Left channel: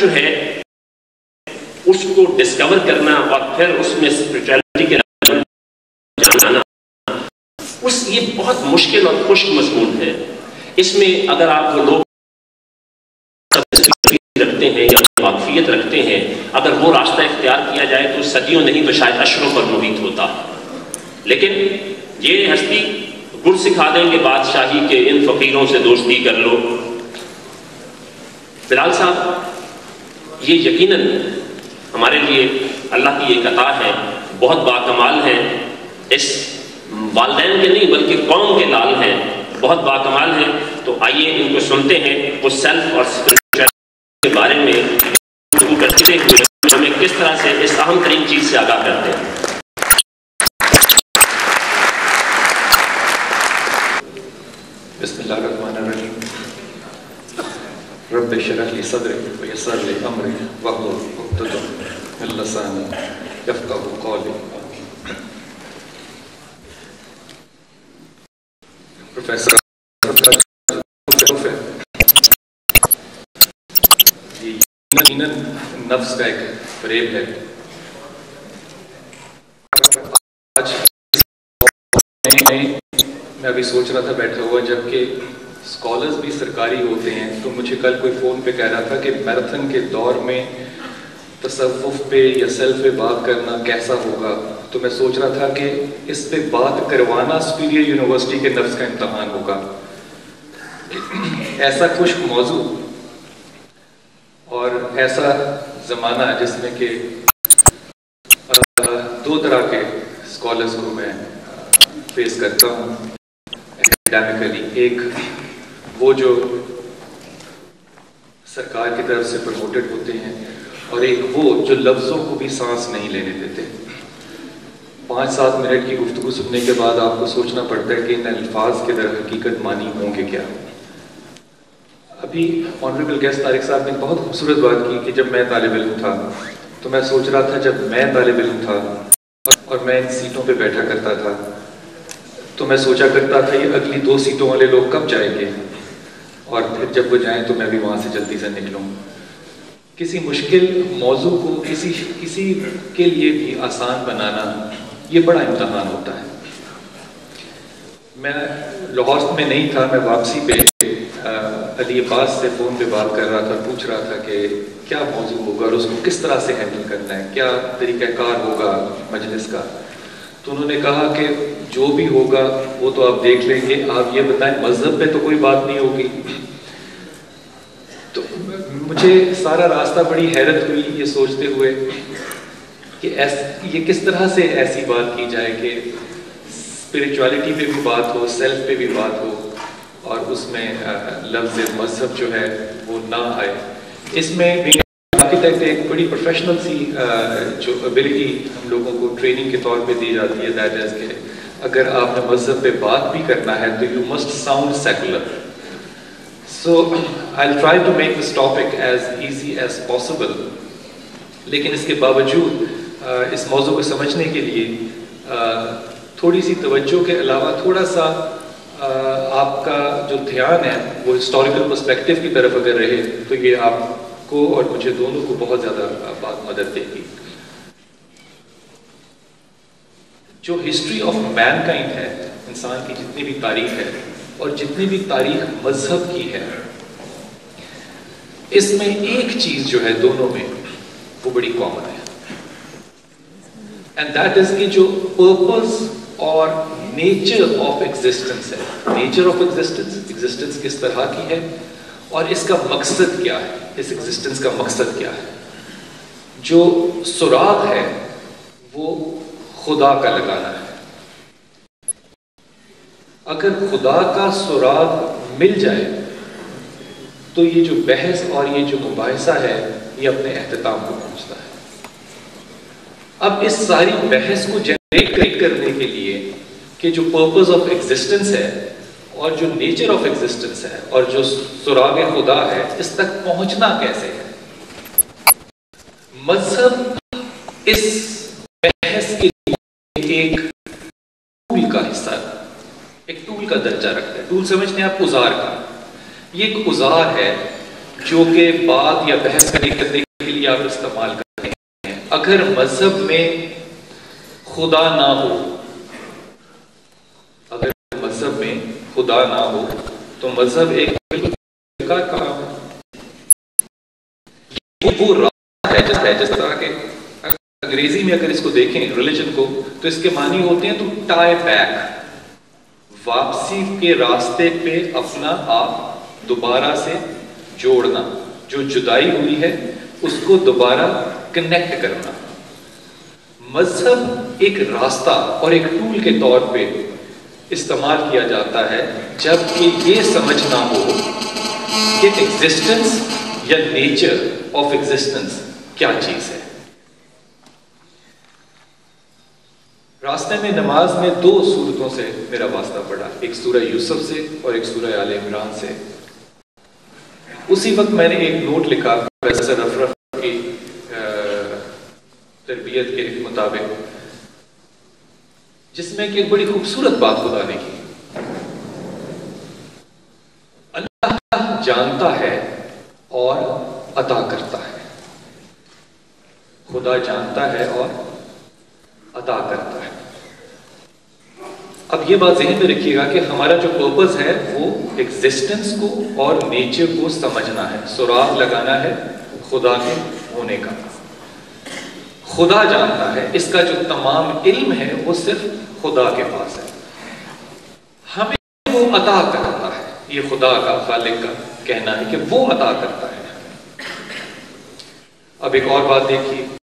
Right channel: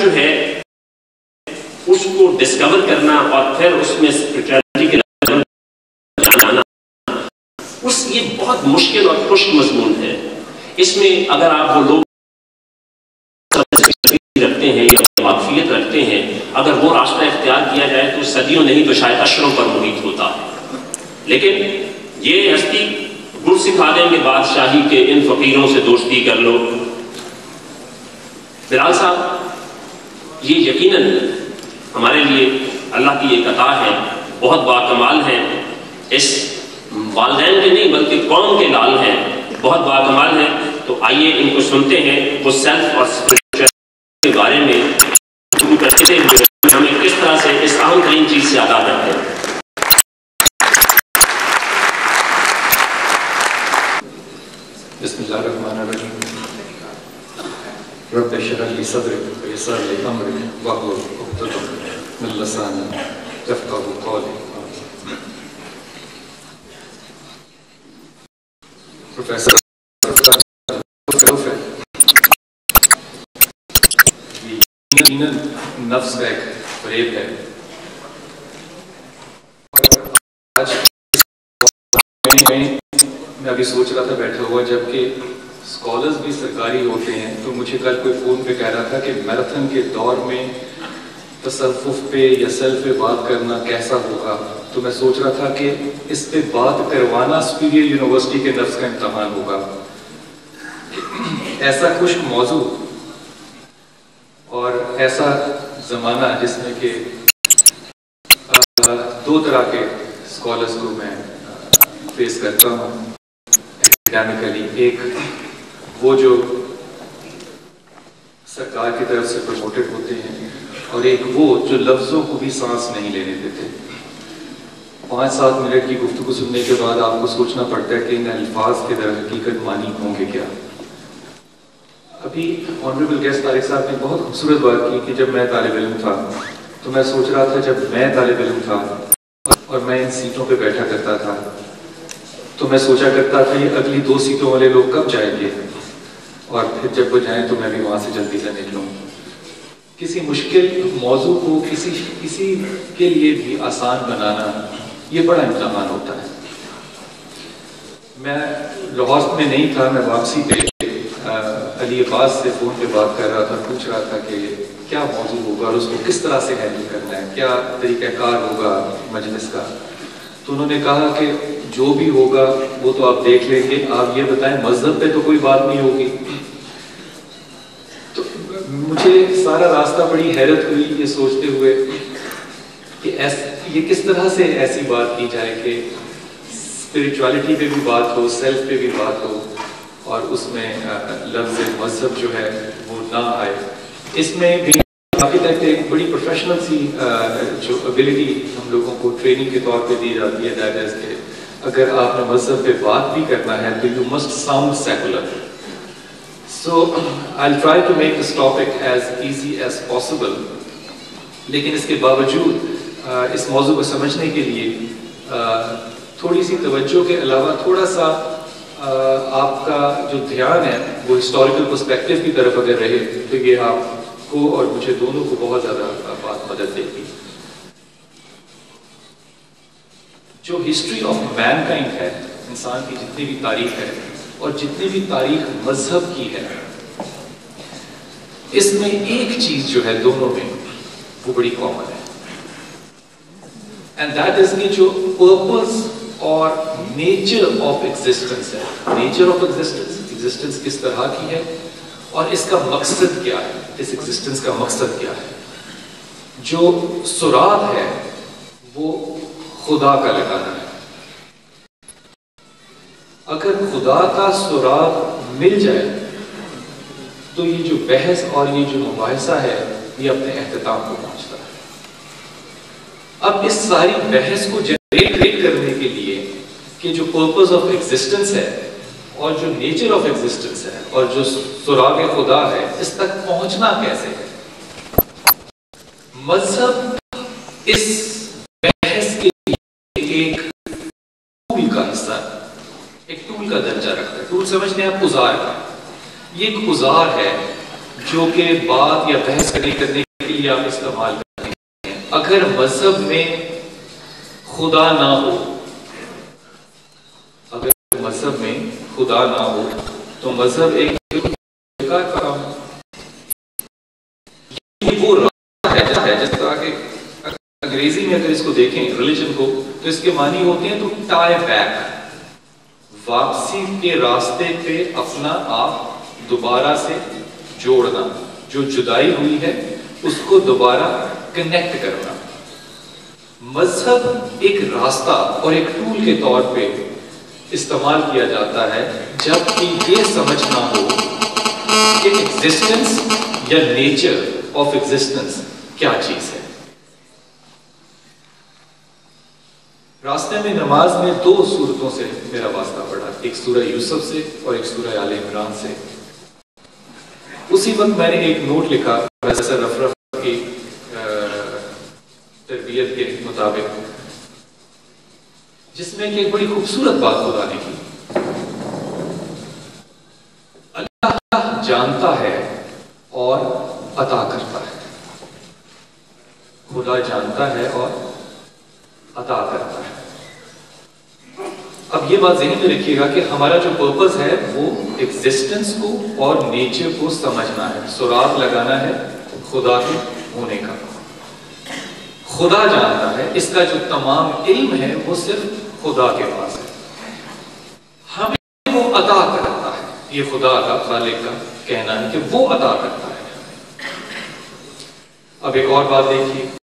جو ہے اس کو ڈسکور کرنا اور پھر اس میں اسپرچویلٹی کے لیول جانا، یہ بہت مشکل اور خشک مضمون ہے. اس میں اگر آپ وہ لوگ رکھتے ہیں یا واقفیت رکھتے ہیں، اگر وہ راستہ اختیار کیا جائے تو صدیوں نہیں تو شاید اشروں پر محیط ہوتا. لیکن یہ ہستی گل سکھا دیں گے بادشاہی کے، ان فقیروں سے دوستی کر لو. بلال صاحب یہ یقیناً ہمارے لیے اللہ کی ایک عطا ہے، بہت باکمال ہے. اس والدین کے نہیں بلکہ قوم کے لال ہیں، بہت باکمال ہیں. تو آئیے ان کو سنتے ہیں، وہ سیلف اور اسپرچویلٹی کے بارے میں کرتے ہوئے ہمیں کس طرح سے اس اہم ترین چیز سے آگاہ کرتے ہیں. بسم اللہ الرحمن الرحیم. رب اشرح لی صدری ویسر لی امری واحلل عقدۃ من لسانی یفقہوا قولی. پروفیسر یقیناً نفس کا ایک فریب ہے. آج میں ابھی سوچ رہا تھا بیٹھا ہوا، جبکہ اسکالرز بھی سرکاری ہوتے ہیں، تو مجھے کل کوئی فون پہ کہہ رہا تھا کہ میراتھن کے دور میں تصوف پہ یا سیلف پہ بات کرنا کیسا ہوگا. تو میں سوچ رہا تھا کہ اس پہ بات کروانا سپیریئر یونیورسٹی کے نفس کا امتحان ہوگا. ایسا خشک موضوع اور ایسا زمانہ جس میں کہ دو طرح کے اسکالرز کو میں فیس کرتا ہوں اکیڈیمکلی. ایک وہ جو سرکار کی طرف سے پروموٹڈ ہوتے ہیں، اور ایک وہ جو لفظوں کو بھی سانس نہیں لینے دیتے. 5-7 منٹ کی گفتگو سننے کے بعد آپ کو سوچنا پڑتا ہے کہ ان الفاظ کے در حقیقت معنی ہوں کہ کیا. ابھی آنریبل گیسٹ طارق صاحب نے بہت خوبصورت بات کی کہ جب میں طالب علم تھا تو میں سوچ رہا تھا جب میں طالب علم تھا اور میں ان سیٹوں پہ بیٹھا کرتا تھا تو میں سوچا کرتا تھا یہ اگلی 2 سیٹوں والے لوگ کب جائیں گے، اور پھر جب وہ جائیں تو میں بھی وہاں سے جلدی سے نکلوں. کسی مشکل موضوع کو کسی کے لیے بھی آسان بنانا یہ بڑا امتحان ہوتا ہے. میں لاہور میں نہیں تھا، میں واپسی پہ علی عباس سے فون پہ بات کر رہا تھا، پوچھ رہا تھا کہ کیا موضوع ہوگا اور اس کو کس طرح سے ہینڈل کرنا ہے، کیا طریقہ کار ہوگا مجلس کا. تو انہوں نے کہا کہ جو بھی ہوگا وہ تو آپ دیکھ لیں گے، آپ یہ بتائیں مذہب پہ تو کوئی بات نہیں ہوگی. تو مجھے سارا راستہ بڑی حیرت ہوئی یہ سوچتے ہوئے کہ یہ کس طرح سے ایسی بات کی جائے کہ اسپرچویلٹی پہ بھی بات ہو، سیلف پہ بھی بات ہو، اور اس میں لفظ مذہب جو ہے وہ نہ آئے. اس میں بھی آرکیٹیکٹ ایک بڑی پروفیشنل سی جو ابیلٹی ہم لوگوں کو ٹریننگ کے طور پہ دی جاتی ہے، دیٹ از کہ اگر آپ نے مذہب پہ بات بھی کرنا ہے تو you must sound secular. So I will try to make this topic as easy as possible. لیکن اس کے باوجود اس موضوع کو سمجھنے کے لیے تھوڑی سی توجہ کے علاوہ تھوڑا سا آپ کا جو دھیان ہے وہ ہسٹوریکل پرسپیکٹیو کی طرف اگر رہے تو یہ آپ کو اور مجھے دونوں کو بہت زیادہ مدد دے گی. جو ہسٹری آف مین کائنڈ ہے، انسان کی جتنی بھی تاریخ ہے اور جتنی بھی تاریخ مذہب کی ہے، اس میں ایک چیز جو ہے دونوں میں وہ بڑی کامن ہے، اینڈ دیٹ از کہ جو پرپز اور نیچر آف ایگزسٹنس ہے. نیچر آف ایگزسٹنس کس طرح کی ہے اور اس کا مقصد کیا ہے، اس ایگزسٹنس کا مقصد کیا ہے. جو سراغ ہے وہ خدا کا لگانا ہے. اگر خدا کا سراغ مل جائے تو یہ جو بحث اور یہ جو مباحثہ ہے یہ اپنے اختتام کو پہنچتا ہے. اب اس ساری بحث کو جنریٹ کرنے کے لیے کہ جو پرپز آف ایگزسٹنس ہے اور جو نیچر آف ایگزسٹنس ہے اور جو سراغ خدا ہے، اس تک پہنچنا کیسے ہے. مذہب اس بحث کے لیے ایک ٹول کا حصہ ہے، ایک ٹول کا درجہ رکھتا ہے. ٹول سمجھتے ہیں آپ اوزار کا. یہ ایک اوزار ہے جو کہ بات یا بحث کرنے کے لیے آپ استعمال کرتے ہیں، اگر مذہب میں خدا نہ ہو، اگر مذہب میں خدا نہ ہو تو مذہب ایک بیکار کام ہے۔ وہ راہ ہے جس طرح کہ انگریزی میں اگر اس کو دیکھیں ریلیجن کو تو اس کے معنی ہوتے ہیں تو ٹائی بیک، واپسی کے راستے پہ اپنا آپ دوبارہ سے جوڑنا، جو جدائی ہوئی ہے اس کو دوبارہ کنیکٹ کرنا۔ مذہب ایک راستہ اور ایک ٹول کے طور پہ استعمال کیا جاتا ہے جب کہ یہ سمجھنا ہو کہ ایگزسٹنس یا نیچر آف ایگزسٹنس کیا چیز ہے۔ راستے میں نماز میں دو صورتوں سے میرا واسطہ پڑا، ایک سورہ یوسف سے اور ایک سورہ آل عمران سے۔ اسی وقت میں نے ایک نوٹ لکھا پروفیسر افرف کی تربیت کے مطابق، جس میں کہ ایک بڑی خوبصورت بات خدا نے کی۔ اللہ جانتا ہے اور عطا کرتا ہے، خدا جانتا ہے اور عطا کرتا ہے۔ اب یہ بات ذہن میں رکھیے گا کہ ہمارا جو پرپز ہے وہ ایگزسٹنس کو اور نیچر کو سمجھنا ہے، سراغ لگانا ہے خدا کے ہونے کا۔ خدا جانتا ہے، اس کا جو تمام علم ہے وہ صرف خدا کے پاس ہے، ہمیں وہ عطا کرتا ہے۔ یہ خدا کا، خالق کا کہنا ہے کہ وہ عطا کرتا ہے۔ اب ایک اور بات دیکھیے،